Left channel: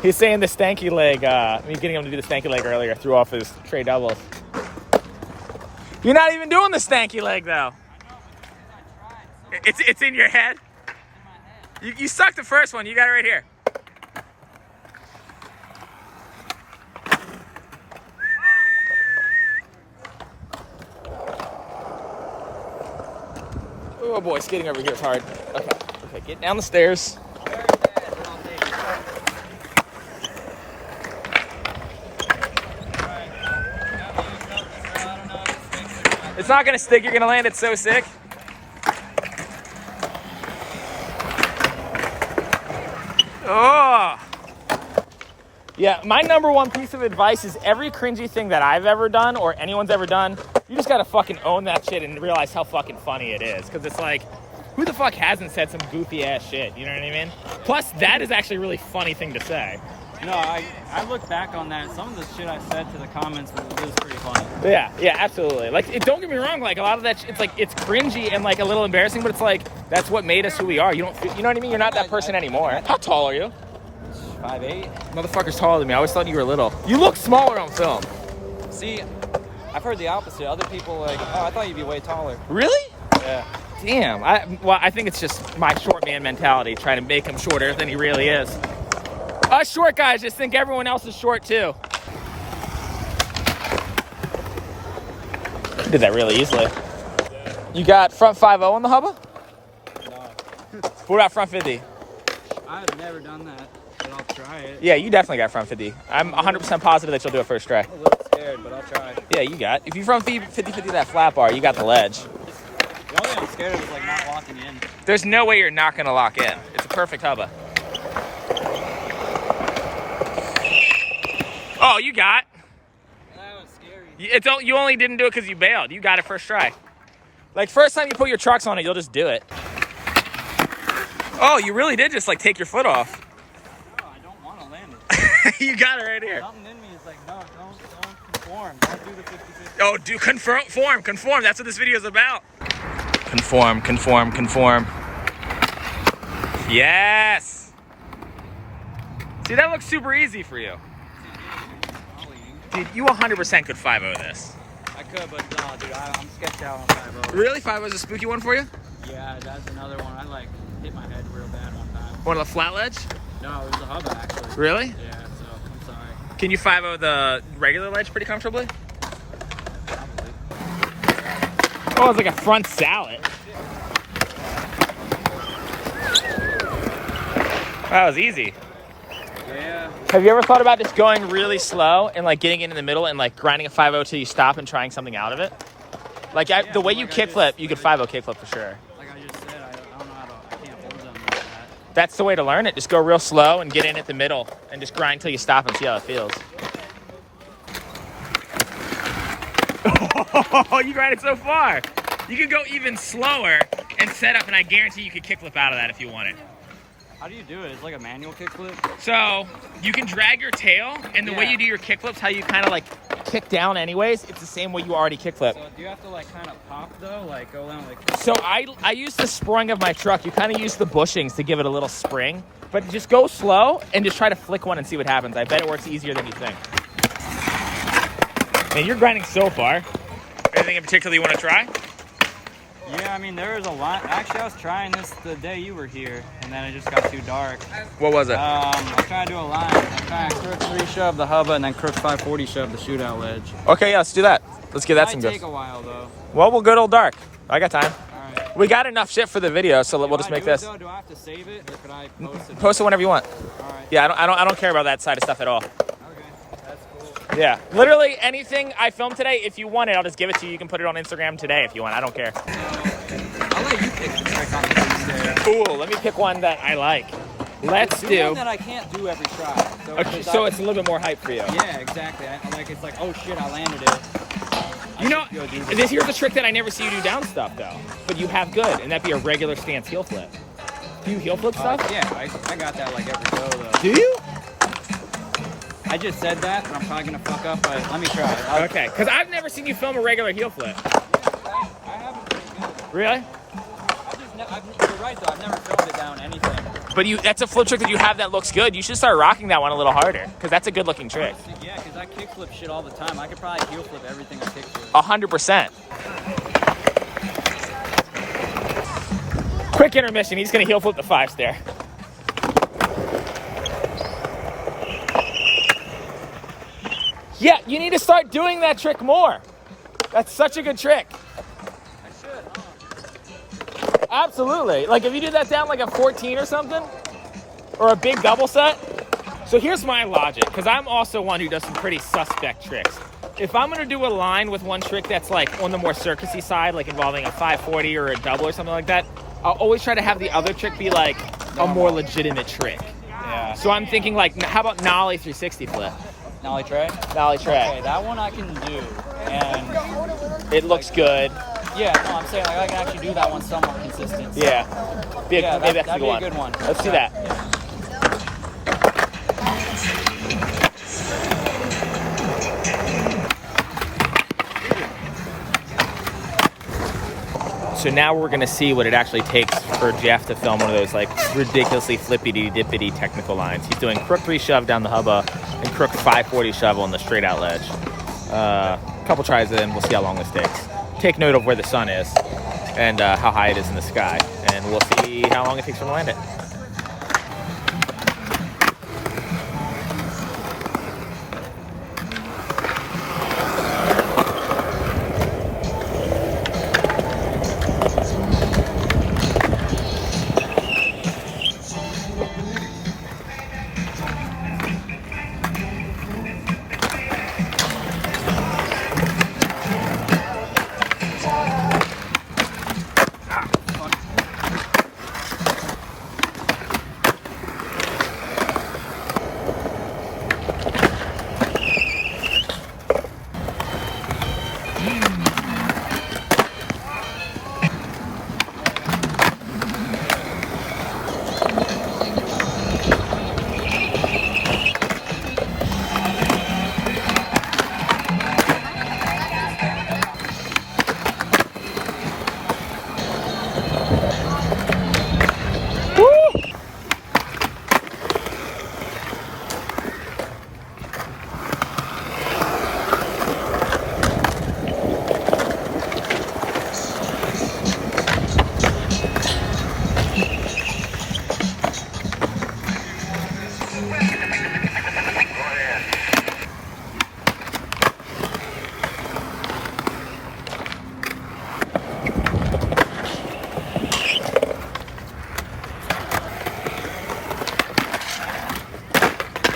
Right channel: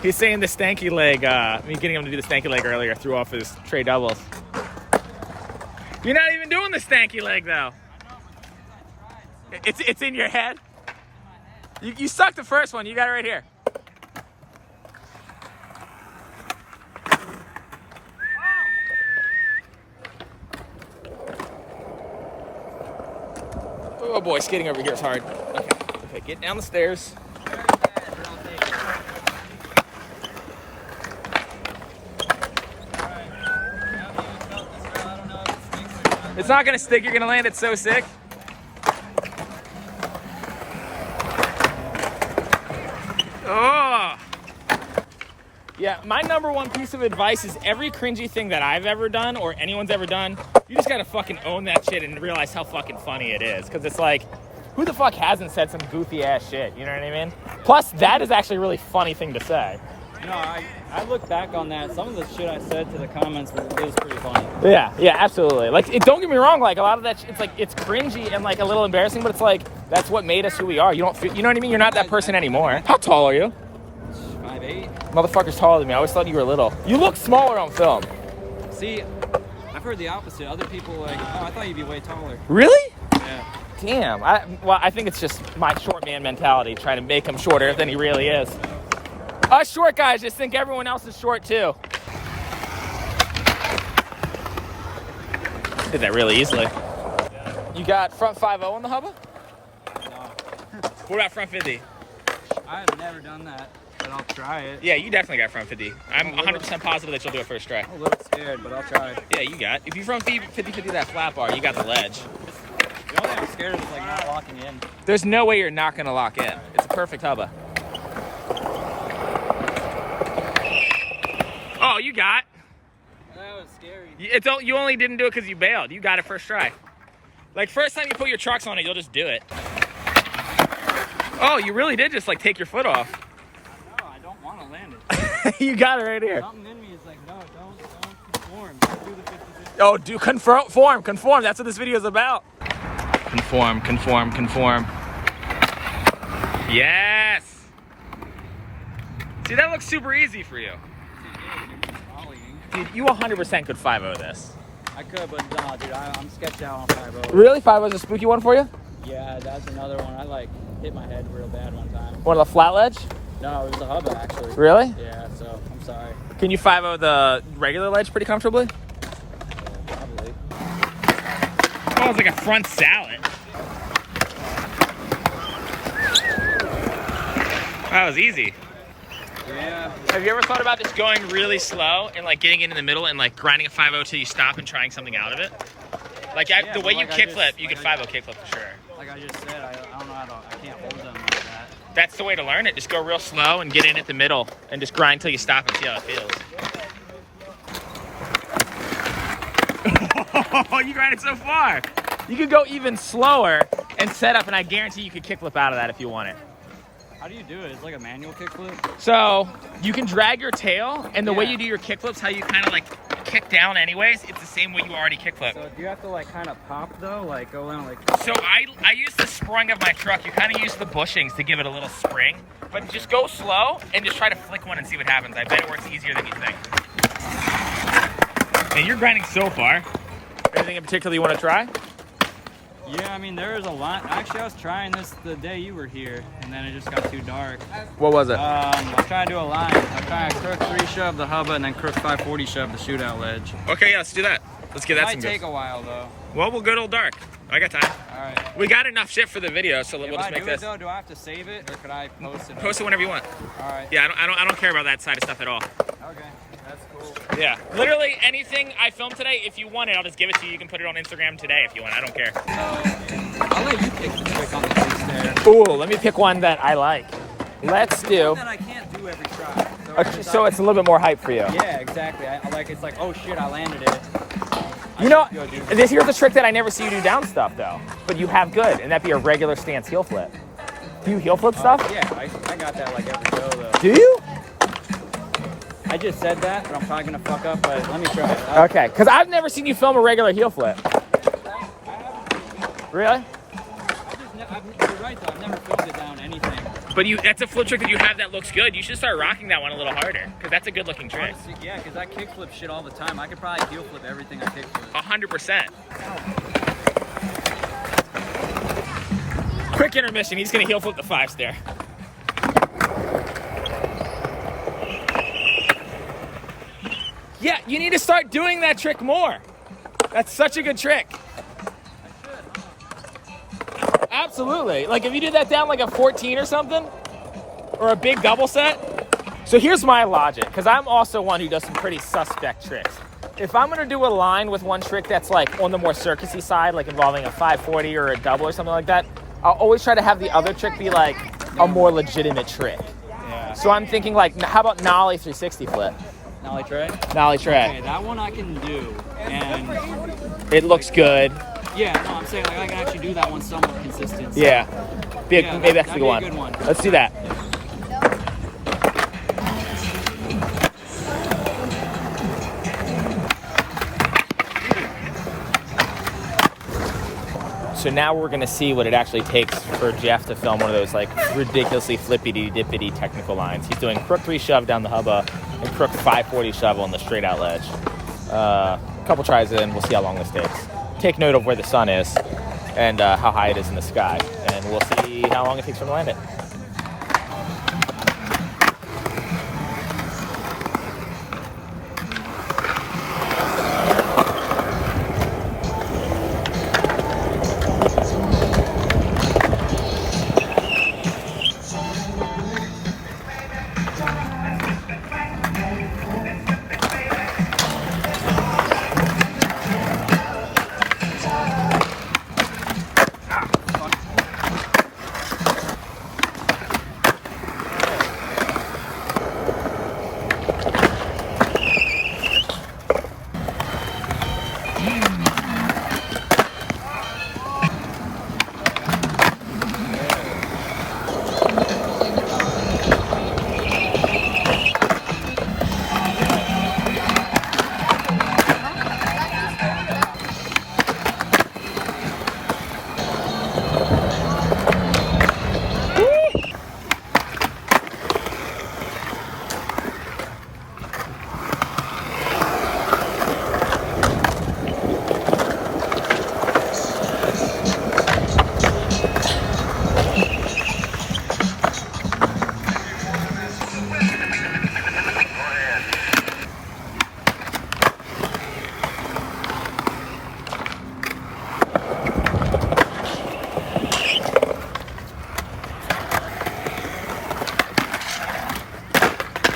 He's saying the stanky leg, me getting him to do the stanky leg earlier threw off his tray doubles. You're not even doing the stanky leg, though. I know, but because I tried so It's in your head? It's in my head. You sucked the first one. You got it right here. Oh boy, skating over here is hard. Okay, get down the stairs. It's not gonna stick, you're gonna land it so sick. Oh! Yeah, my number one piece of advice is every cringy thing that I've ever done or anyone's ever done, you just gotta fucking own that shit and realize how fucking funny it is. Cause it's like, who the fuck hasn't said some goofy ass shit, you know what I mean? Plus, that is actually a really funny thing to say. No, I look back on that. Some of the shit I said to the comments was pretty funny. Yeah, absolutely. Like, don't get me wrong. Like, a lot of that, it's like it's cringy and like a little embarrassing, but it's like that's what made us who we are. You know what I mean? You're not that person anymore. How tall are you? 5'8". Motherfucker's taller than me. I always thought you were little. You look smaller on film. See, I've heard the opposite. Other people are like, oh, I thought you'd be way taller. Really? Yeah. Damn. I think it's just my short man mentality, trying to make him shorter than he really is. Us short guys just think everyone else is short too. Did that really easily. You got front 5-0 on the hubba? No. What about front 50? I've never done that, but I'll try it. Yeah, you definitely got front 50. I'm 100% positive that you'll do it first try. I'm a little scared, but I'll try it. Yeah, you got. If you front 50-50 that flat bar, you got the ledge. The only thing I'm scared of is like not locking in. There's no way you're not gonna lock in. It's a perfect hubba. Oh, you got. That was scary. You only didn't do it because you bailed. You got it first try. Like, first time you put your trucks on it, you'll just do it. Oh, you really did just, like, take your foot off. No, I don't want to land it. You got it right here. Something in me is like, no, don't conform. Don't do the 50-50. Oh, do conform. That's what this video is about. Conform. Yes. See, that looks super easy for you. Dude, you 100% could 5-0 this. I could, but nah, dude, I'm sketched out on 5-0. Really? 5-0 is a spooky one for you? Yeah, that's another one. I like hit my head real bad one time. One of the flat ledge? No, it was a hubba actually. Really? Yeah, so I'm sorry. Can you 5-0 the regular ledge pretty comfortably? Yeah, probably. Oh, it's like a front salad. That was easy. Yeah. Have you ever thought about just going really slow and like getting in the middle and like grinding a 5-0 till you stop and trying something out of it? Like the way you kickflip, you could 5-0 kickflip for sure. Like I just said, I don't know how to, I can't hold them like that. That's the way to learn it. Just go real slow and get in at the middle and just grind till you stop and see how it feels. Oh, you grinded so far. You could go even slower and set up, and I guarantee you could kickflip out of that if you want it. How do you do it? It's like a manual kickflip? So you can drag your tail, and the way you do your kickflips, how you kind of like kick down anyways, it's the same way you already kickflip. So do you have to like kind of pop though? Like go down like... So I use the spring of my truck. You kind of use the bushings to give it a little spring, but just go slow and just try to flick one and see what happens. I bet it works easier than you think. And you're grinding so far. Anything in particular you want to try? Yeah, I mean, there was a lot. Actually, I was trying this the day you were here, and then it just got too dark. What was it? I was trying to do a line. I was trying to crook 3 shove the hubba and then crook 540 shove the shootout ledge. Okay, yeah, let's do that. Let's give that some It go. might take a while, though. Well, we'll go till dark. I got time. All right. We got enough shit for the video, so we'll just make this. Do I have to save it, or could I post it? Post it whenever you want. All right. Yeah, I don't care about that side of stuff at all. Okay, that's cool. Yeah, literally anything I filmed today, if you want it, I'll just give it to you. You can put it on Instagram today if you want. I don't care. So, I'll let you pick the trick on the DeChesare. Ooh, let me pick one that I like. Let's do. One that I can't do every shot. So, Okay, so it's a little bit more hype for you. Yeah, exactly. I like it's like, oh shit, I landed it. You know, here's a trick that I never see you do down stuff though, but you have good, and that'd be a regular stance heel flip. Do you heel flip stuff? Yeah, I got that like every show though. Do you? I just said that, but I'm probably gonna fuck up. But let me try. Okay, because I've never seen you film a regular heel flip. Really? You're right though. I've never filmed it down anything. But that's a flip trick that you have that looks good. You should start rocking that one a little harder because that's a good looking trick. Yeah, because I kickflip shit all the time. I could probably heel flip everything I kickflip. 100%. Quick intermission. He's going to heel flip the 5 stair. Yeah, you need to start doing that trick more. That's such a good trick. Absolutely. Like if you do that down like a 14 or something, or a big double set. So here's my logic, because I'm also one who does some pretty suspect tricks. If I'm gonna do a line with one trick that's like on the more circusy side, like involving a 540 or a double or something like that, I'll always try to have the other trick be like a more legitimate trick. Yeah. So I'm thinking like, how about Nollie 360 flip? Nollie tray? Nollie tray. Okay, that one I can do, and it looks good. Yeah, no, I'm saying like I can actually do that one somewhat consistent. So. Yeah. Maybe that's that'd the be one. A good one. Let's do that. So now we're gonna see what it actually takes for Jeff to film one of those like ridiculously flippity-dippity technical lines. He's doing crook 3 shove down the hubba and crook 540 shove on the straight out ledge. Couple tries in, we'll see how long this takes. Take note of where the sun is and how high it is in the sky, and we'll see how long it takes for him to land it.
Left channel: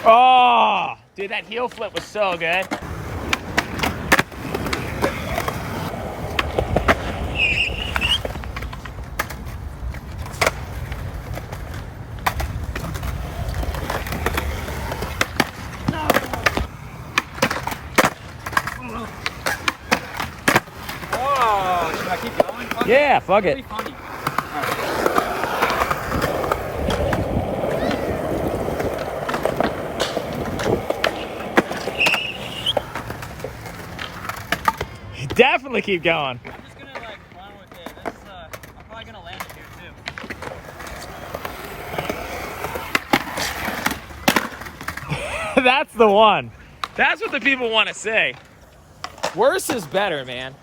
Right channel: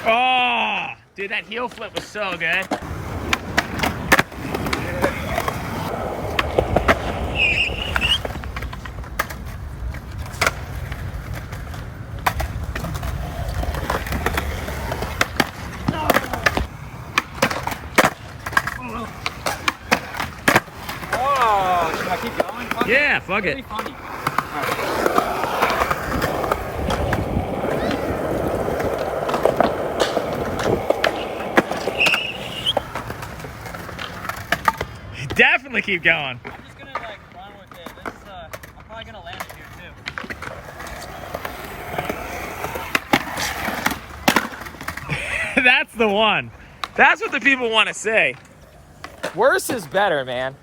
Oh, dude, that heel flip was so good. Oh, should I keep going? Fuck Yeah, fuck it. Pretty funny. Definitely keep going. I'm just gonna like run with it. This is I'm probably gonna land it here too. That's the one. That's what the people want to say. Worse is better, man.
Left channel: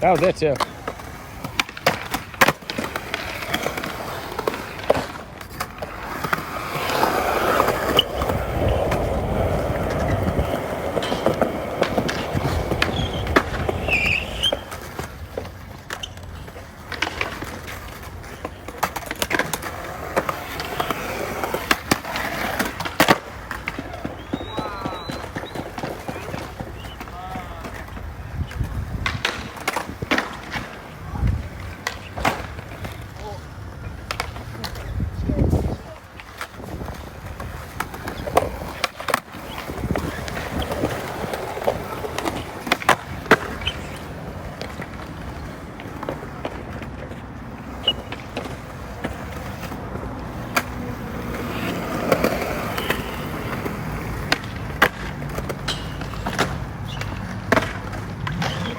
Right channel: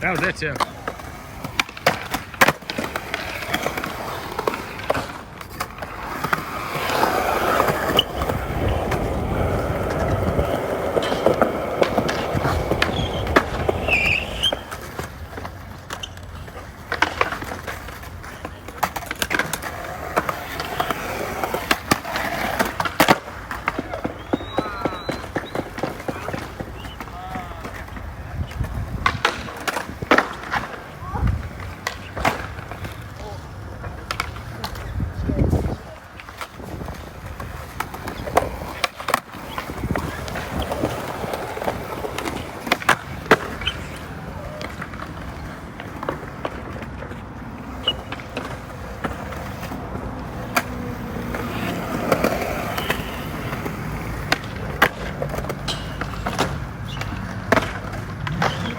That was it too.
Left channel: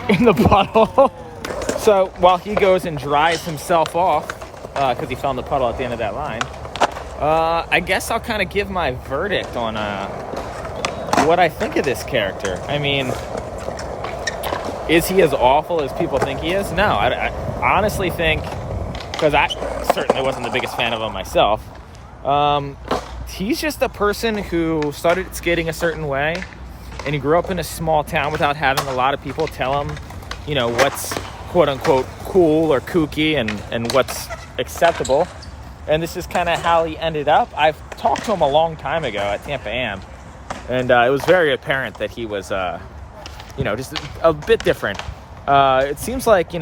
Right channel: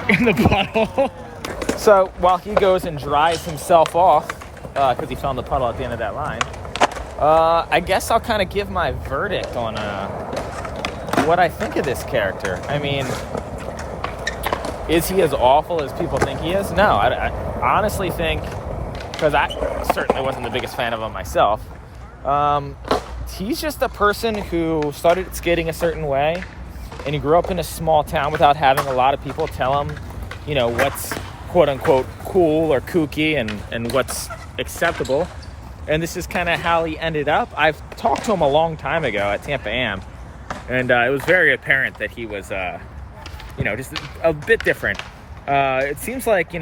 in the puddle. So while he goes and dries himself off, because he fell in the puddle at the end of that line, I guess I'll kind of give my verdict on what I think of this character. I mean, is he as awful as people think he is? No, I honestly think, because I certainly wasn't the biggest fan of him myself, he's just a person who started skating a certain way, and he grew up in a small town without having a lot of people tell him, you know, what's quote-unquote cool or kooky and what's acceptable. And this is kind of how he ended up. I've talked to him a long time ago at Tampa Am, and it was very apparent that he was, just a bit different. It seems like,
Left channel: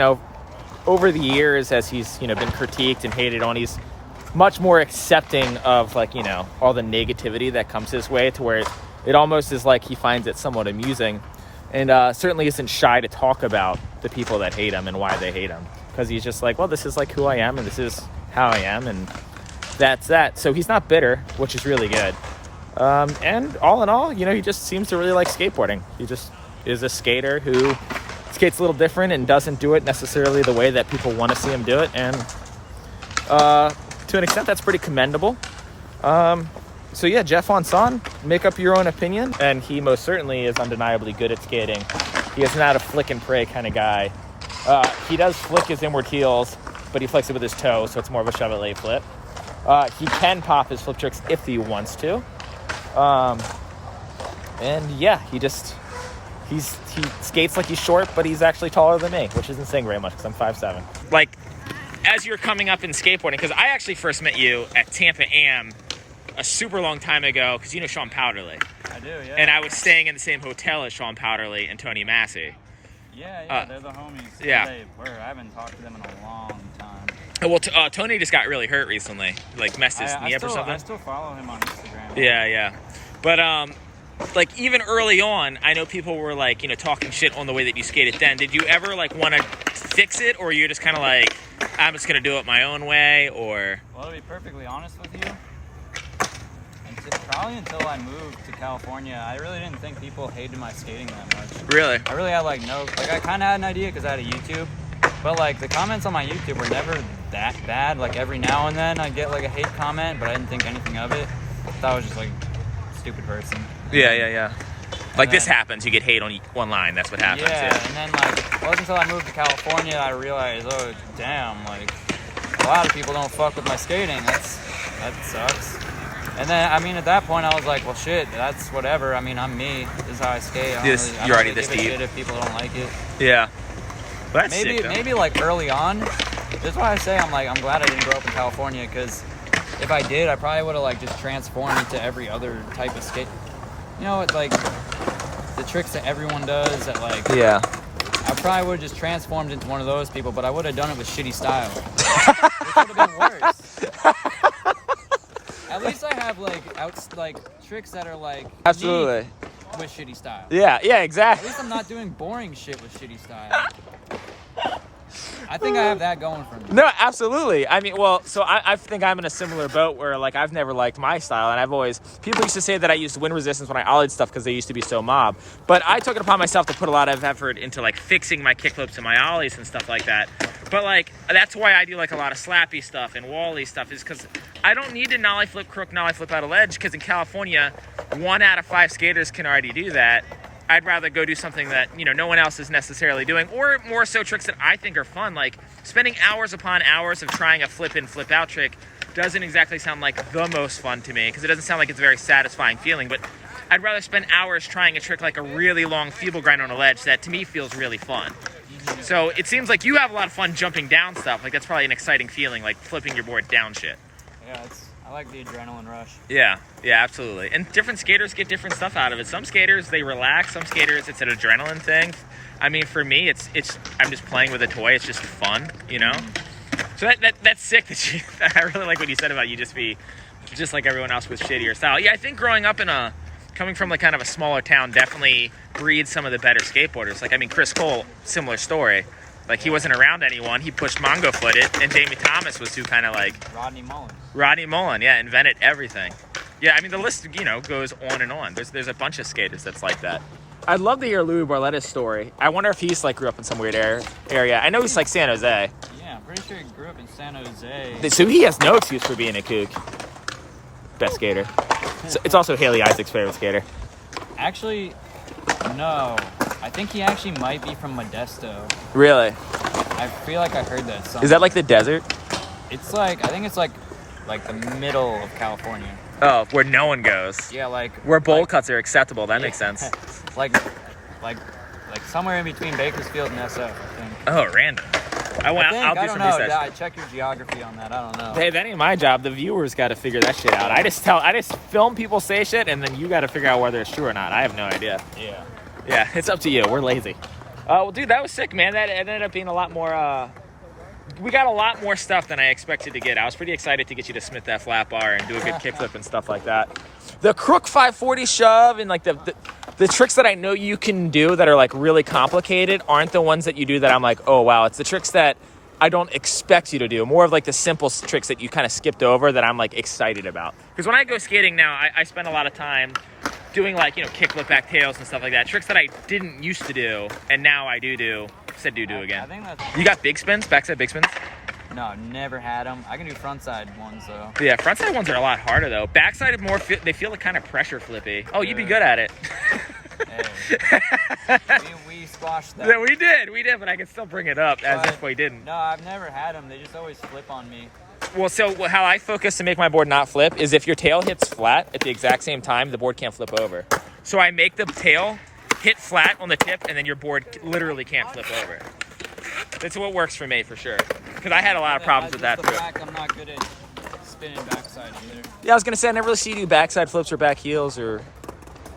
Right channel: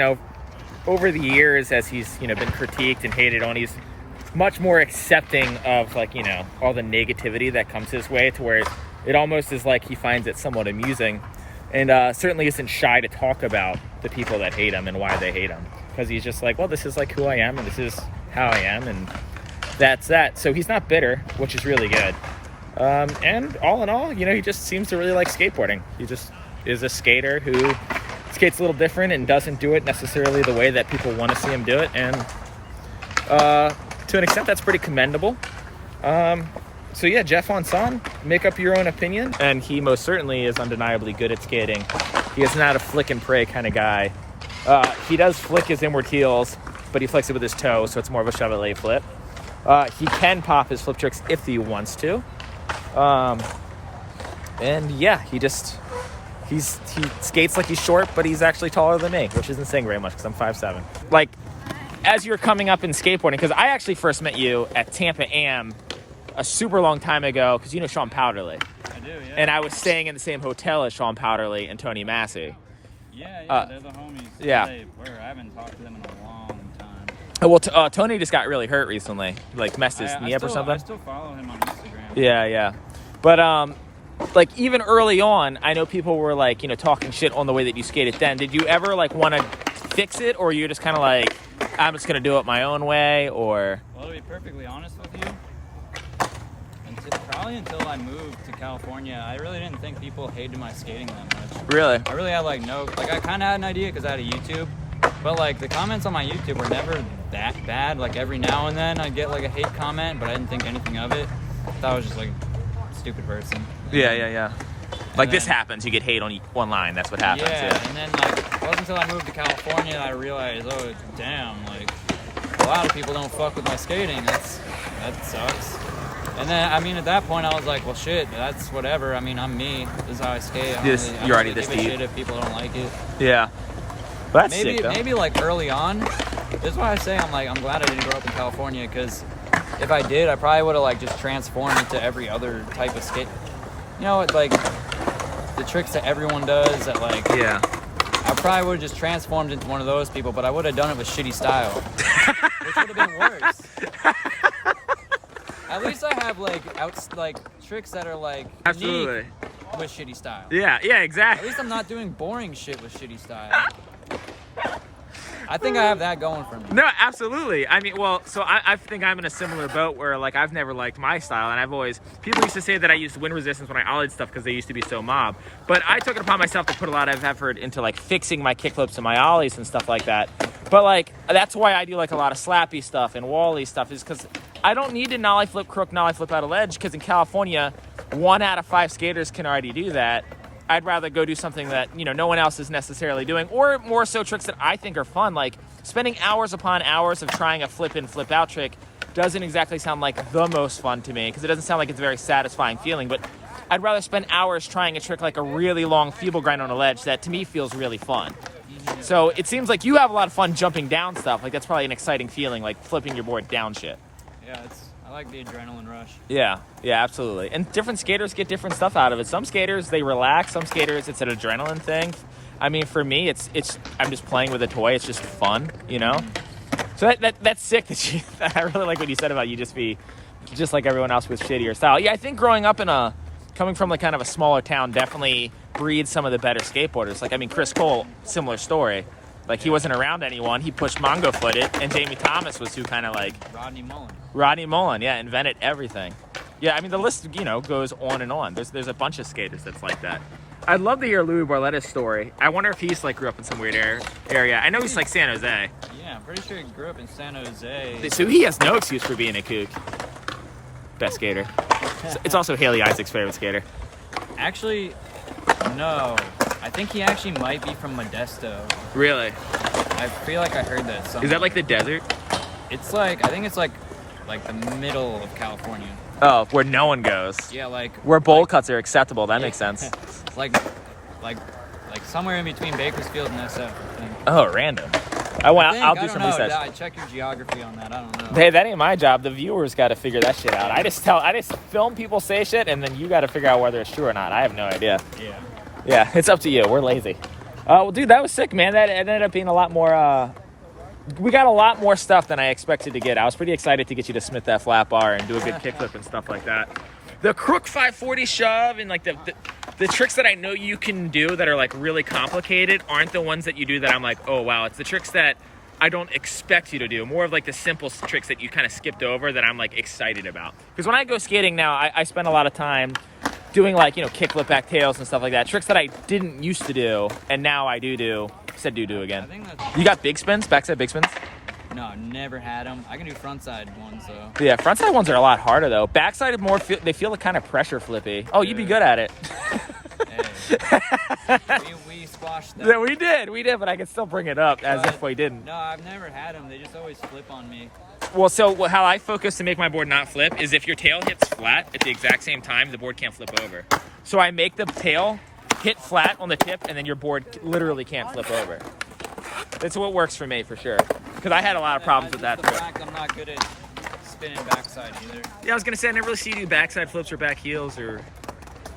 over the years, as he's, been critiqued and hated on, he's much more accepting of, all the negativity that comes his way, to where it almost is like he finds it somewhat amusing, and certainly isn't shy to talk about the people that hate him and why they hate him, because he's just like, well, this is like who I am, and this is how I am, and that's that. So he's not bitter, which is really good. And all in all, he just seems to really like skateboarding. He just is a skater who skates a little different and doesn't do it necessarily the way that people want to see him do it, and to an extent that's pretty commendable. So yeah, Jeff Onson, make up your own opinion, and he most certainly is undeniably good at skating. He is not a flick and pray kind of guy. He does flick his inward heels, but he flicks it with his toe, so it's more of a shove-it-lay flip. He can pop his flip tricks if he wants to. And yeah, he skates like he's short, but he's actually taller than me, which isn't saying very much because I'm 5'7". Like, as you're coming up in skateboarding, because I actually first met you at Tampa Am a super long time ago, because you know Sean Powderly. I do, yeah. And I was staying in the same hotel as Sean Powderly and Tony Massey. Yeah, they're the homies. Yeah. They were. I haven't talked to them in a long time. Well, Tony just got really hurt recently. Like, messed his knee up or something. I still follow him on Instagram. Yeah. But, even early on, I know people were, talking shit on the way that you skated then. Did you ever, want to fix it? Or you just kind of like, I'm just going to do it my own way? Or... Well, to be perfectly honest with you, probably until I moved to California, I really didn't think people hated my skating that much. Really? I really had, I kind of had an idea because I had a YouTube. But, the comments on my YouTube were never that bad. Every now and then I'd get, a hate comment, but I didn't think anything of it. I thought I was just, a stupid person. Yeah. This happens. You get hate online. That's what happens. Yeah, and then, it wasn't until I moved to California I realized, oh, damn, a lot of people don't fuck with my skating. That sucks. And then, at that point, I was like, well, shit, that's whatever. I'm me. This is how I skate. I don't really give a shit if people don't like it. Yeah. Well, that's maybe, sick, maybe early on. This is why I say I'm glad I didn't grow up in California, because if I did, I probably would have just transformed into every other type of skate. The tricks that everyone does that yeah. I probably would have just transformed into one of those people, but I would have done it with shitty style, which would have been worse. At least I have tricks that are absolutely unique with shitty style. Yeah, exactly. At least I'm not doing boring shit with shitty style. I think I have that going for me. No, absolutely. So I think I'm in a similar boat where I've never liked my style, and I've always, people used to say that I used wind resistance when I ollied stuff because they used to be so mob. But I took it upon myself to put a lot of effort into fixing my kickflips and my ollies and stuff like that. But that's why I do a lot of slappy stuff and wally stuff, is because I don't need to nollie flip crook, nollie flip out of ledge, because in California, 1 out of 5 skaters can already do that. I'd rather go do something that, no one else is necessarily doing, or more so tricks that I think are fun. Spending hours upon hours of trying a flip in, flip out trick doesn't exactly sound like the most fun to me, because it doesn't sound like it's a very satisfying feeling. But I'd rather spend hours trying a trick like a really long feeble grind on a ledge that to me feels really fun. So it seems like you have a lot of fun jumping down stuff. That's probably an exciting feeling, flipping your board down shit. Yeah, I like the adrenaline rush. Yeah, absolutely. And different skaters get different stuff out of it. Some skaters, they relax. Some skaters, it's an adrenaline thing. For me, it's I'm just playing with a toy. It's just fun, So that's sick. I really like what you said about you just be just like everyone else with shittier style. Yeah, I think growing up coming from kind of a smaller town definitely breeds some of the better skateboarders. Chris Cole, similar story. He wasn't around anyone. He pushed Mongo footed, and Jamie Thomas was who kind of Rodney Mullen, yeah, invented everything. Yeah, the list, goes on and on. There's a bunch of skaters that's like that. I'd love to hear Louis Barletta's story. I wonder if he's like grew up in some weird area. I know he's like San Jose. Yeah, I'm pretty sure he grew up in San Jose. So he has no excuse for being a kook. Best skater. So it's also Haley Isaac's favorite skater. Actually, no. I think he actually might be from Modesto. Really? I feel like I heard that somewhere. Is that like the desert? It's like, I think it's like the middle of California. Oh, where no one goes. Yeah, like Where bowl cuts are acceptable. That makes sense. like somewhere in between Bakersfield and SF, I think. Oh, random. I'll do I don't some know. research. I check your geography on that. I don't know. Hey, that ain't my job. The viewers got to figure that shit out. I just film people say shit, and then you got to figure out whether it's true or not. I have no idea. Yeah. Yeah, it's up to you. We're lazy. Well, dude, that was sick, man. That ended up being a lot more. We got a lot more stuff than I expected to get. I was pretty excited to get you to Smith that flat bar and do a good kickflip and stuff like that. The crook 540 shove and like the tricks that I know you can do that are like really complicated aren't the ones that you do that I'm like, oh wow. It's the tricks that I don't expect you to do. More of like the simple tricks that you kind of skipped over that I'm like excited about. Because when I go skating now, I spend a lot of time doing like, kickflip back tails and stuff like that. Tricks that I didn't used to do and now I do. Said do again. I think that's... You got big spins, backside big spins? No, never had them. I can do frontside ones though. Yeah, frontside ones are a lot harder though. Backside they feel like kind of pressure flippy. Oh, you'd be good at it. Hey, we squashed that. Yeah, we did, but I can still bring it up as if we didn't. No, I've never had them. They just always flip on me. Well, so how I focus to make my board not flip is if your tail hits flat at the exact same time, the board can't flip over. So I make the tail hit flat on the tip, and then your board literally can't flip over. That's what works for me for sure. Because I had a lot of problems with that trip. I'm not good at spinning backside either. Yeah, I was gonna say I never really see you do backside flips or back heels or.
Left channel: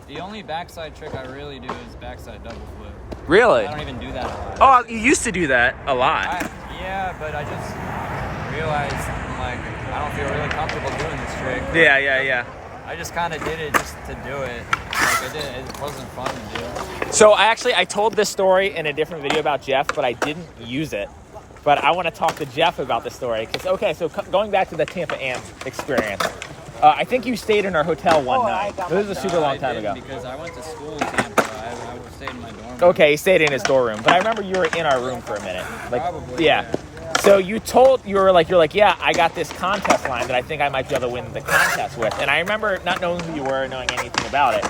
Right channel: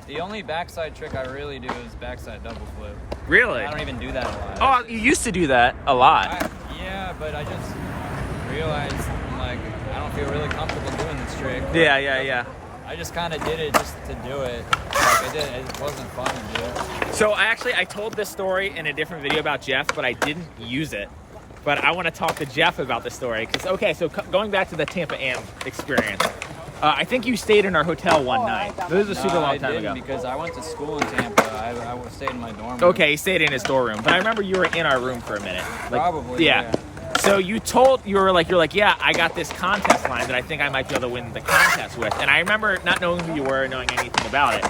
The only backside trick I really do is backside double flip. Really? I don't even do that a lot. Oh, you used to do that a lot. Yeah, but I just realized like I don't feel really comfortable doing this trick. Yeah. I just kind of did it just to do it. Like it wasn't fun to do. So I told this story in a different video about Jeff, but I didn't use it. But I want to talk to Jeff about the story. So going back to the Tampa Am experience, I think you stayed in our hotel one night. This was a super long time ago. Because I went to school in Tampa. I stayed in my dorm room. Okay, he stayed in his dorm room. But I remember you were in our room for a minute. Probably. Yeah. So you're like, yeah, I got this contest line that I think I might be able to win the contest with. And I remember not knowing who you were, knowing anything about it.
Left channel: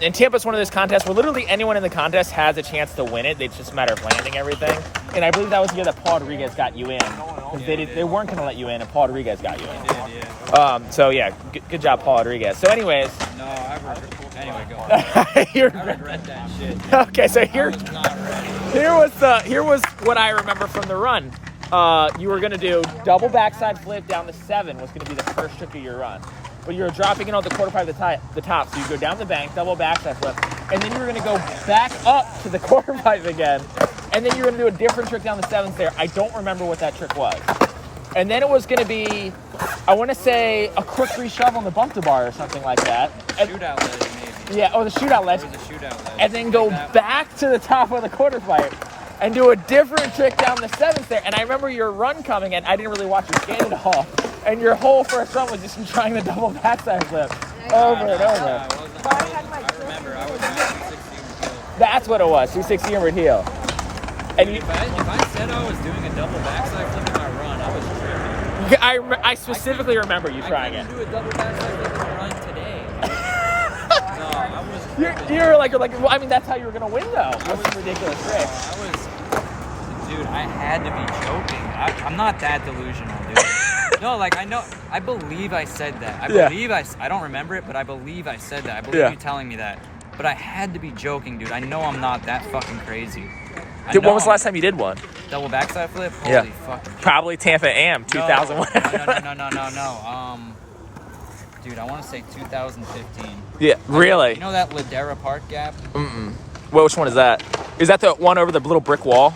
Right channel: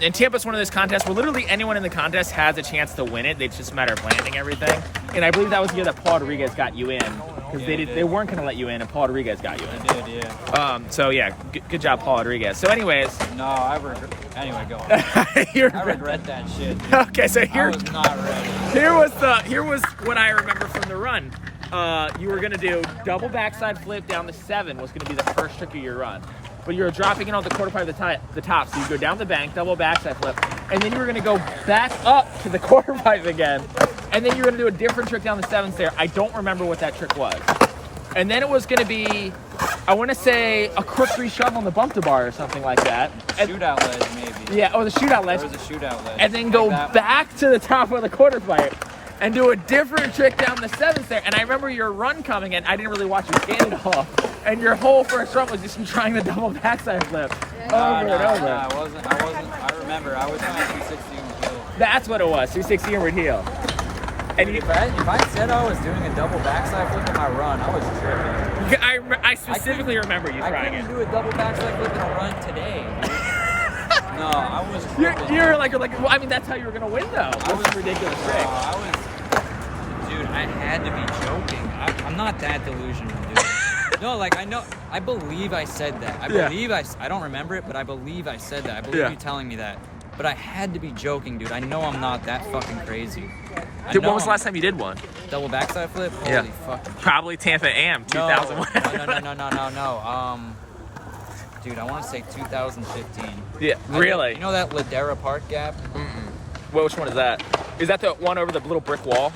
And Tampa's one of those contests where literally anyone in the contest has a chance to win it. It's just a matter of landing everything. And I believe that was the year that Paul Rodriguez got you in. Because they weren't going to let you in, and Paul Rodriguez got you in. Yeah. So yeah, good job, Paul Rodriguez. So anyways. No, anyway, go on. I regret that shit. Okay, so I was not ready. Here was what I remember from the run. You were gonna do double backside flip down the 7 was gonna be the first trick of your run. But you were dropping it on the quarter pipe at the top. So you go down the bank, double backside flip, and then you were gonna go back up to the quarter pipe again. And then you're gonna do a different trick down the 7th there. I don't remember what that trick was. And then it was gonna be, I wanna say a crook shove on the bump to bar or something like that. Shootout ledge maybe. Yeah, the shootout ledge. There was a shootout ledge. And then go back to the top of the quarter pipe and do a different trick down the 7th there. And I remember your run coming in. I didn't really watch you skate at all. And your whole first run was just trying the double backside flip over and over. I wasn't. I remember. I was in 260 inward heel. That's what it was, 260 inward heel. And if I said I was doing a double backside flip in my run, I was tripping. Yeah, I specifically remember you trying it. I couldn't do a double backside flip in my run today. No, I was. You're like, well, I mean, that's how you were gonna win though. What's a ridiculous trick? Dude, I had to be joking. I'm not that delusional, dude. No, like I believe I said that. I don't remember it, but I believe I said that. I believe you telling me that. But I had to be joking, dude. I know I'm not that fucking crazy. Dude, when was the last time you did one? Double backside flip? Holy fucking shit. Probably Tampa Am, 2001. No. Dude, I want to say 2015. Yeah, really? You know that Ladera Park gap? Mm-mm. Well, which one is that? Is that the one over the little brick wall?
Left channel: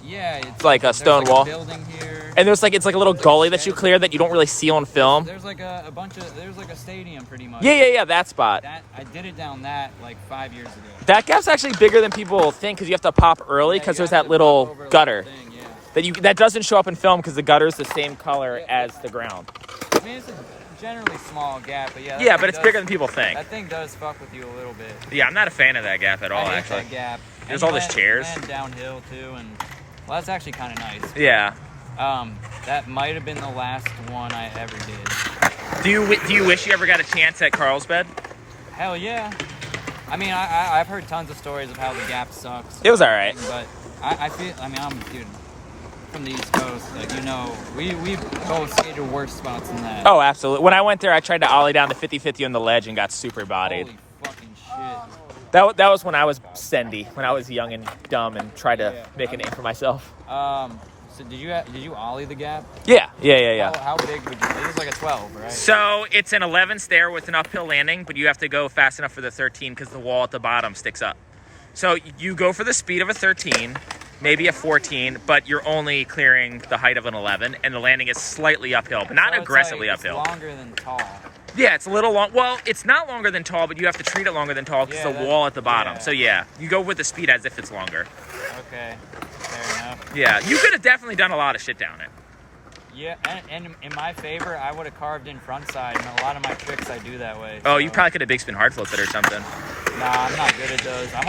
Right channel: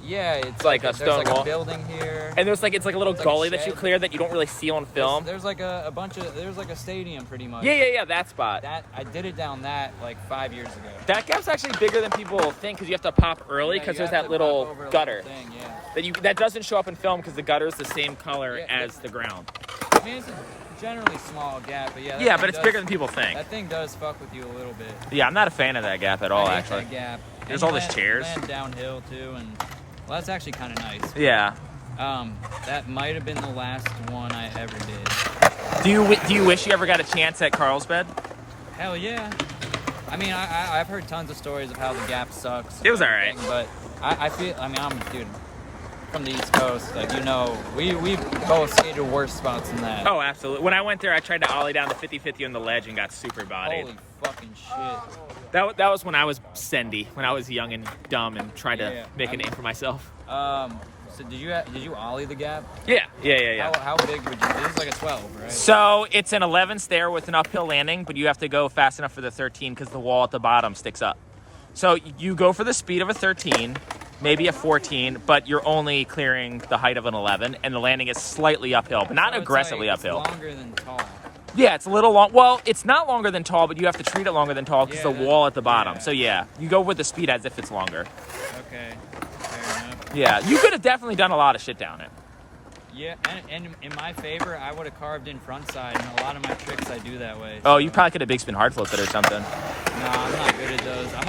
Yeah, it's like a stone wall. wall. There's like a building here. And it's like a little gully that you clear that you don't really see on film. There's like a bunch of, there's like a stadium pretty much. Yeah, that spot. I did it down that like 5 years ago. That gap's actually bigger than people think because you have to pop early because there's that little gutter. Thing, yeah. That doesn't show up in film because the gutter is the same color as the ground. I mean, generally small gap, but yeah. Yeah, but it's bigger than people think. That thing does fuck with you a little bit. Yeah, I'm not a fan of that gap at all, I hate actually. that gap. There's And all these chairs. Land downhill too, and well, that's actually kind of nice. Yeah. That might have been the last one I ever did. Do you wish you ever got a chance at Carlsbad? Hell yeah. I mean, I've heard tons of stories of how the gap sucks. It was all right. But I feel, I mean, I'm, dude, from the East Coast, like, you know, we both skated worse spots than that. Oh, absolutely. When I went there, I tried to ollie down the 50-50 on the ledge and got super bodied. Holy fucking shit. That was when I was sendy, when I was young and dumb and tried to make a name for myself. So did you ollie the gap? Yeah. How big would you? This is like a 12, right? So it's an 11 stair with an uphill landing, but you have to go fast enough for the 13 because the wall at the bottom sticks up. So you go for the speed of a 13, maybe a 14, but you're only clearing the height of an 11, and the landing is slightly uphill, but not aggressively uphill. It's longer than tall. Yeah, it's a little long. Well, it's not longer than tall, but you have to treat it longer than tall because the wall at the bottom. Yeah. So yeah, you go with the speed as if it's longer. Okay, fair enough. Yeah, you could have definitely done a lot of shit down it. Yeah, and in my favor, I would have carved in front side, and a lot of my tricks I do that way. Oh, so. you probably could have big spin hard flip it or something. Nah, I'm not good at those. I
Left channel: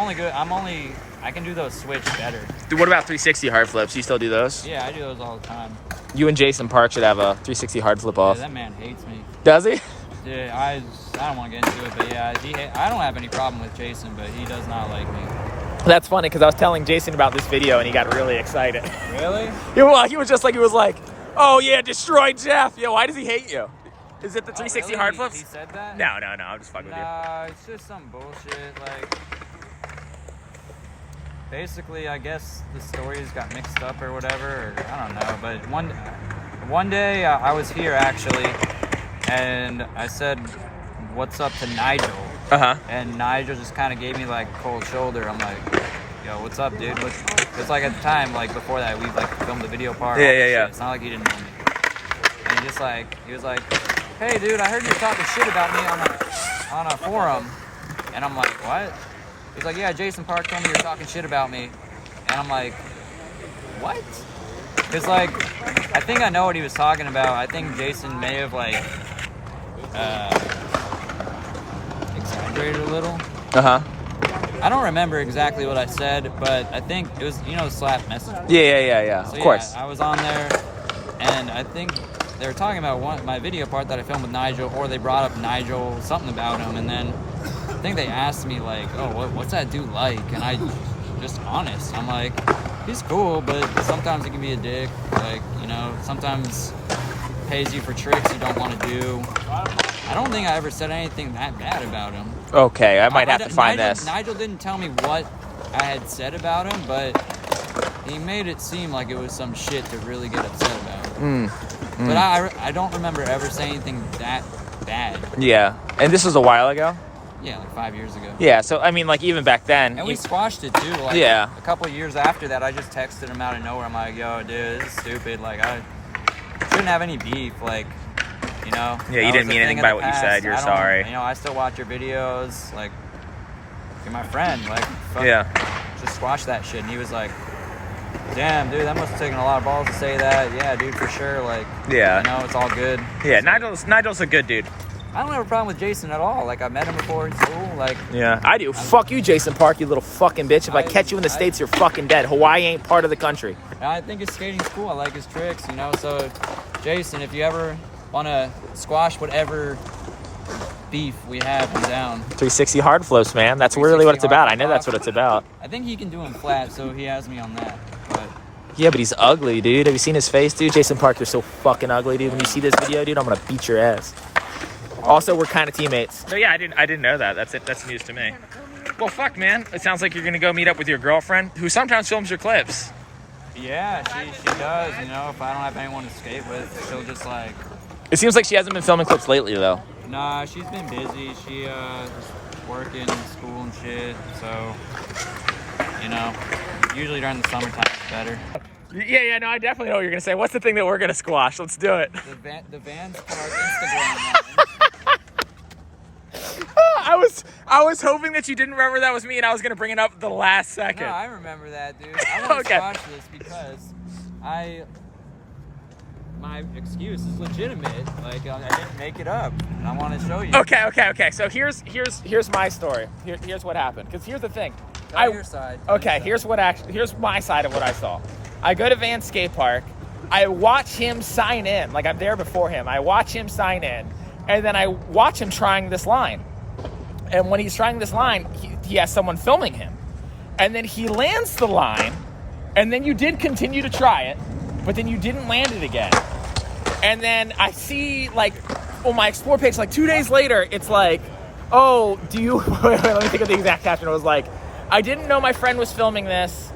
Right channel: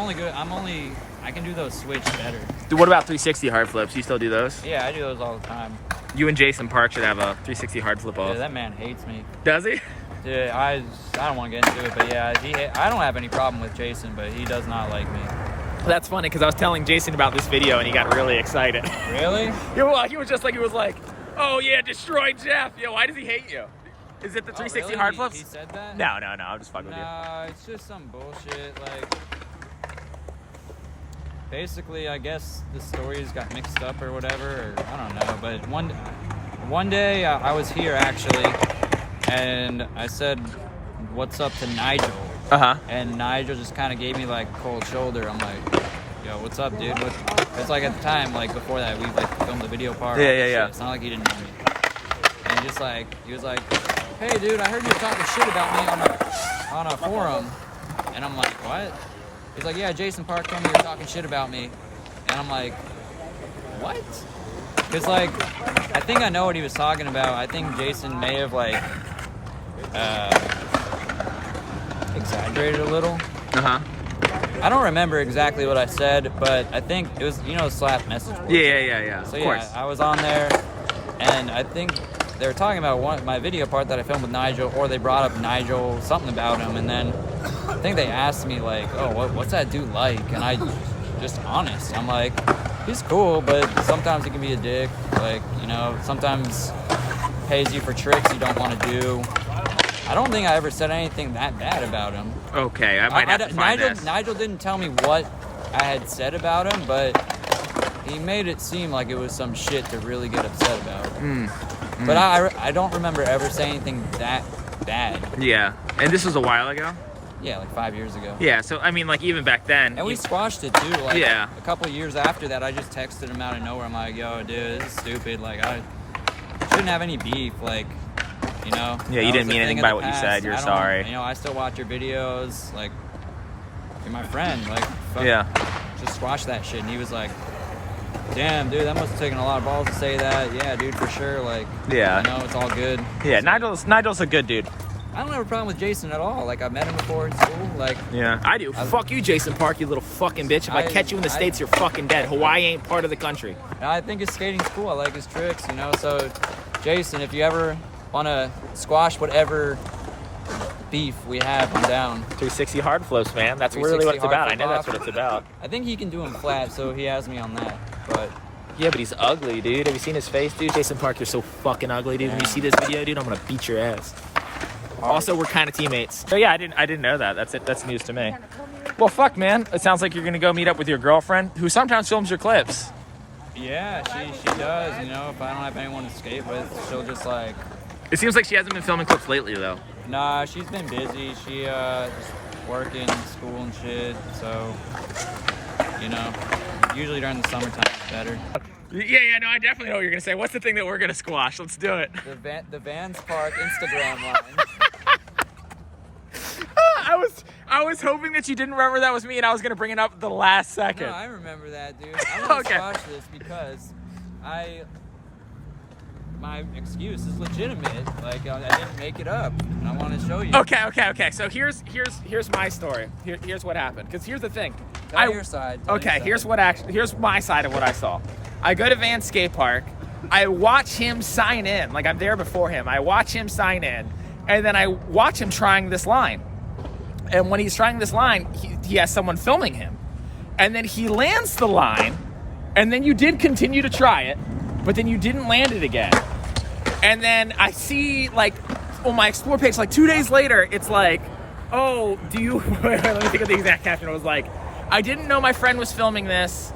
can do those switch better. Dude, what about 360 hard flips? You still do those? Yeah, I do those all the time. You and Jason Park should have a 360 hard flip off. Yeah, that man hates me. Does he? Dude, I don't want to get into it, but yeah, I don't have any problem with Jason, but he does not like me. That's funny because I was telling Jason about this video and he got really excited. Really? He was like, oh yeah, destroy Jeff. Yo, why does he hate you? Is it the 360 really? hard flips? He said that? No, I'm just fucking with you. Nah, it's just some bullshit. Like, basically, I guess the stories got mixed up or whatever, or I don't know. But one day I was here actually, and I said, "What's up?" to Nigel. And Nigel just kind of gave me like a cold shoulder. I'm like, yo, what's up, dude? It's like at the time, like before that, we like filmed the video part. Yeah. It's not like he didn't know me. And he was like, hey, dude, I heard you were talking shit about me on a forum. And I'm like, what? He's like, yeah, Jason Park told me you were talking shit about me. And I'm like, what? Because like, I think I know what he was talking about. I think Jason may have like exaggerated a little. I don't remember exactly what I said, but I think it was, Slap message board. Yeah. So of course. I was on there, and I think they were talking about my video part that I filmed with Nigel, or they brought up Nigel, something about him, and then I think they asked me like, oh, what's that dude like? And I just honest. I'm like, he's cool, but sometimes he can be a dick. Like, sometimes pays you for tricks you don't want to do. I don't think I ever said anything that bad about him. Okay, I might have to find this. Nigel didn't tell me what I had said about him, but he made it seem like it was some shit to really get upset about. But I don't remember ever saying anything that bad. Yeah, and this was a while ago? Yeah, like 5 years ago. Yeah, so I mean, like even back then. And we squashed it too. Like, yeah. A couple of years after that, I just texted him out of nowhere. I'm like, yo, dude, this is stupid. Like, I shouldn't have any beef. Like, Yeah, you didn't mean anything by what you said. You're sorry. I still watch your videos. Like, you're my friend. Like, fuck, just squash that shit. And he was like, damn, dude, that must have taken a lot of balls to say that. Yeah, dude, for sure. Like, it's all good. Yeah, Nigel's a good dude. I don't have a problem with Jason at all. Like, I met him before in school. Like, yeah, I do. Fuck you, Jason Park, you little fucking bitch. If I catch you in the States, you're fucking dead. Hawaii ain't part of the country. And I think his skating's cool. I like his tricks, So, Jason, if you ever want to squash whatever beef we have, I'm down. 360 hard flips, man. That's really what it's about. I know that's what it's about. I think he can do them flat, so he has me on that. But yeah, but he's ugly, dude. Have you seen his face, dude? Jason Park is so fucking ugly, dude. When you see this video, dude, I'm gonna beat your ass. Also, we're kind of teammates. So yeah, I didn't know that. That's it. That's news to me. Well, fuck, man. It sounds like you're gonna go meet up with your girlfriend, who sometimes films your clips. Yeah, she does. If I don't have anyone to skate with, she'll just like. It seems like she hasn't been filming clips lately, though. Nah, she's been busy. She just working, school and shit. So, usually during the summertime it's better. Yeah, no, I definitely know what you're gonna say. What's the thing that we're gonna squash? Let's do it. The Vans Park Instagram line. I was hoping that you didn't remember that was me, and I was gonna bring it up the last second. No, I remember that, dude. I want to squash this because my excuse is legitimate. Like, I didn't make it up, and I want to show you. Okay. So here's my story. Here's what happened. Because here's the thing. Tell your side. Okay, here's my side of what I saw. I go to Van Skate Park. I watch him sign in. Like, I'm there before him. I watch him sign in, and then I watch him trying this line. And when he's trying this line, he has someone filming him. And then he lands the line, and then you did continue to try it, but then you didn't land it again. And then I see, like, on my Explore page, like 2 days later, it's like, oh, do you, let me think of the exact caption. It was like, I didn't know my friend was filming this.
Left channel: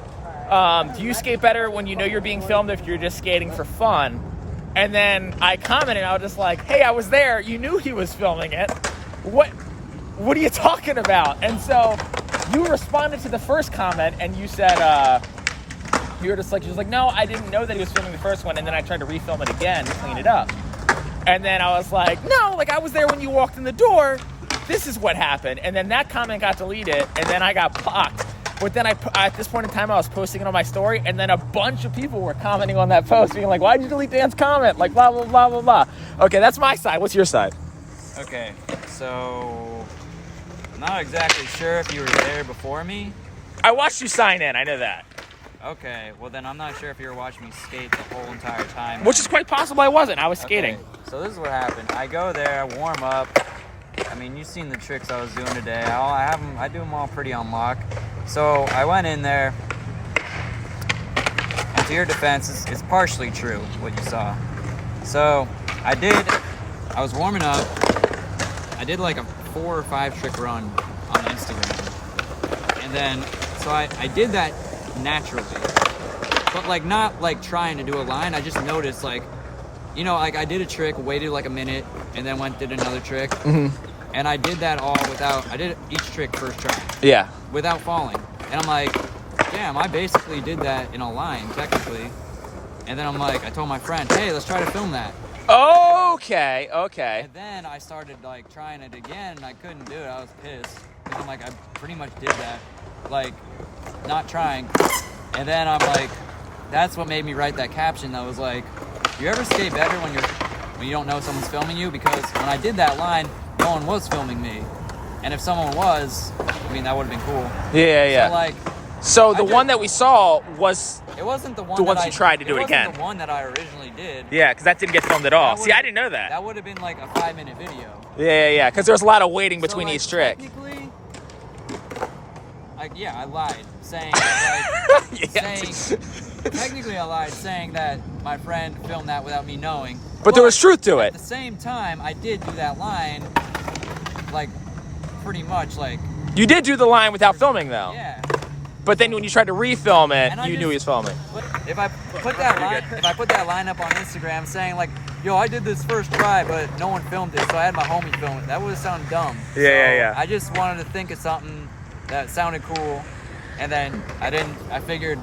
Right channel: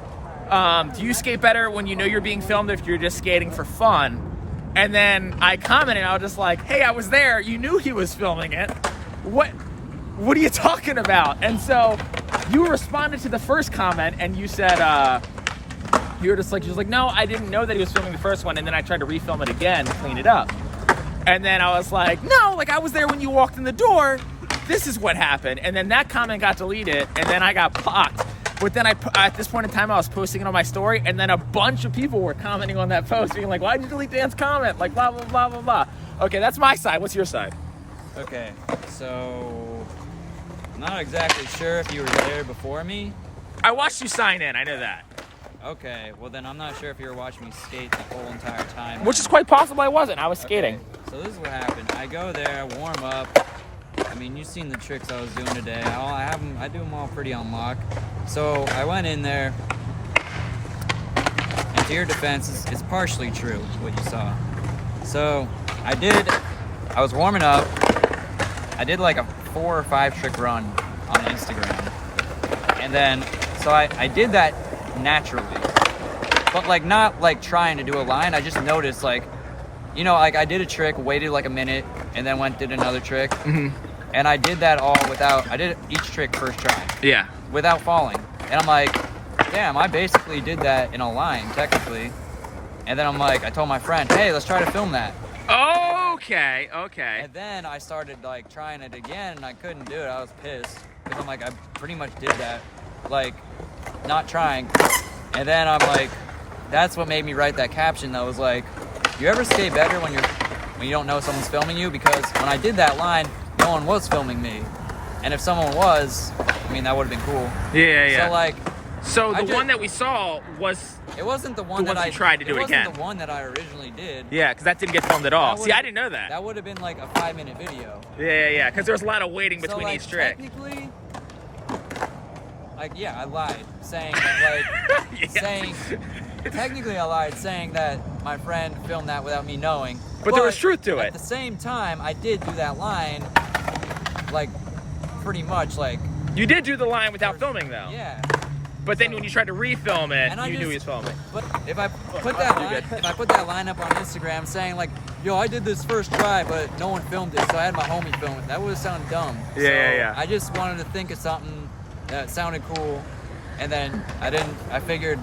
Do you skate better when you know you're being filmed if you're just skating for fun? And then I commented, I was just like, hey, I was there. You knew he was filming it. What are you talking about? And so you responded to the first comment and you said, you were just like, she was like, no, I didn't know that he was filming the first one. And then I tried to refilm it again to clean it up. And then I was like, no, like I was there when you walked in the door. This is what happened. And then that comment got deleted and then I got blocked. But then at this point in time, I was posting it on my story and then a bunch of people were commenting on that post being like, why'd you delete Dan's comment? Like, blah, blah, blah, blah, blah. Okay, that's my side. What's your side? Okay, so I'm not exactly sure if you were there before me. I watched you sign in. I know that. Okay, well then I'm not sure if you were watching me skate the whole entire time. Which is quite possible I wasn't. I was skating. Okay, so this is what happened. I go there, I warm up. I mean, you've seen the tricks I was doing today. I do them all pretty on lock. So I went in there, and to your defense, it's partially true what you saw. So I was warming up. I did like a 4 or 5 trick run on Instagram. And then, so I did that naturally. But like not like trying to do a line. I just noticed like, you know, like I did a trick, waited like a minute, and then did another trick. Mm-hmm. And I did that all I did each trick first try. Yeah. Without falling. And I'm like, damn, I basically did that in a line, technically. And then I'm like, I told my friend, hey, let's try to film that. Okay. And then I started like trying it again and I couldn't do it. I was pissed. Because I'm like, I pretty much did that. Like, not trying. And then I'm like, that's what made me write that caption that was like, you ever skate better when you don't know someone's filming you? Because when I did that line, no one was filming me. And if someone was, I mean, that would have been cool. Yeah. So like, so the one that we saw was it wasn't the one the ones you tried to do it again. It wasn't the one that I originally did. Yeah, because that didn't get filmed at all. See, I didn't know that. That would have been like a 5-minute video. Yeah. Because there's a lot of waiting between each trick. Technically, like, yeah, I lied, saying technically I lied, saying that my friend filmed that without me knowing. But there was truth to it. At the same time, I did do that line, like, pretty much like. You did do the line without filming though. Yeah. But then when you tried to refilm it, you knew he was filming. But if I put that line up on Instagram saying like, yo, I did this first try, but no one filmed it, so I had my homie film it, that would have sounded dumb. Yeah. I just wanted to think of something that sounded cool, and then I figured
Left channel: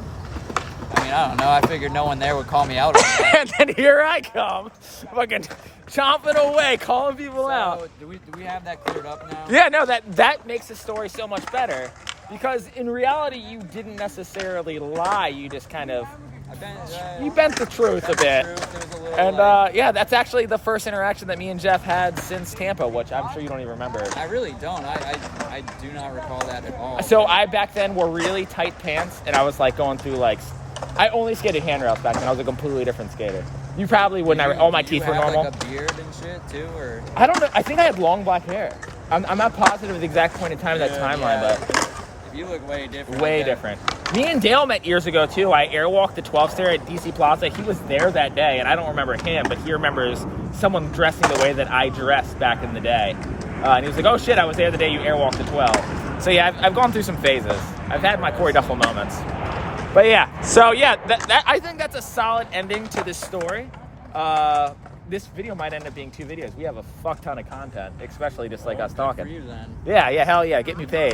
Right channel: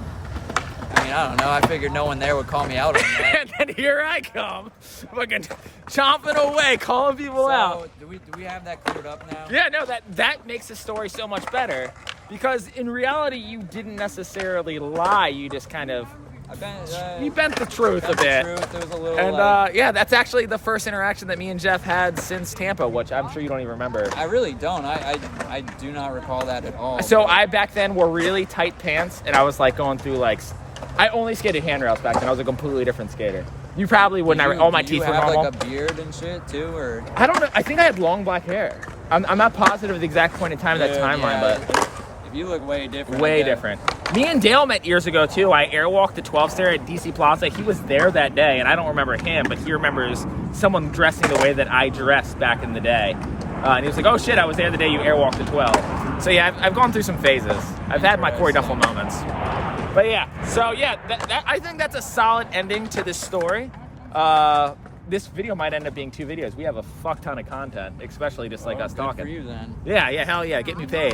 no one there would call me out on that. And then here I come, fucking chomping away, calling people out. Do we have that cleared up now? Yeah, no, that makes the story so much better. Because in reality, you didn't necessarily lie. You just kind of, you bent the truth a bit. And yeah, that's actually the first interaction that me and Jeff had since Tampa, which I'm sure you don't even remember. I really don't. I do not recall that at all. So I back then wore really tight pants, and I was like going through like, I only skated handrails back then. I was a completely different skater. You probably wouldn't. All my teeth were normal. Like a beard and shit too, or I don't know. I think I had long black hair. I'm not positive of the exact point in time of that timeline, but. You look way different. Way different. Me and Dale met years ago, too. I airwalked the 12-stair at DC Plaza. He was there that day, and I don't remember him, but he remembers someone dressing the way that I dressed back in the day. And he was like, oh, shit, I was there the day you airwalked the 12. So, yeah, I've gone through some phases. I've had my Corey Duffel moments. But, yeah. So, yeah, I think that's a solid ending to this story. This video might end up being 2 videos. We have a fuck ton of content, especially just like us talking. For you, then. Yeah, hell yeah. Get me paid.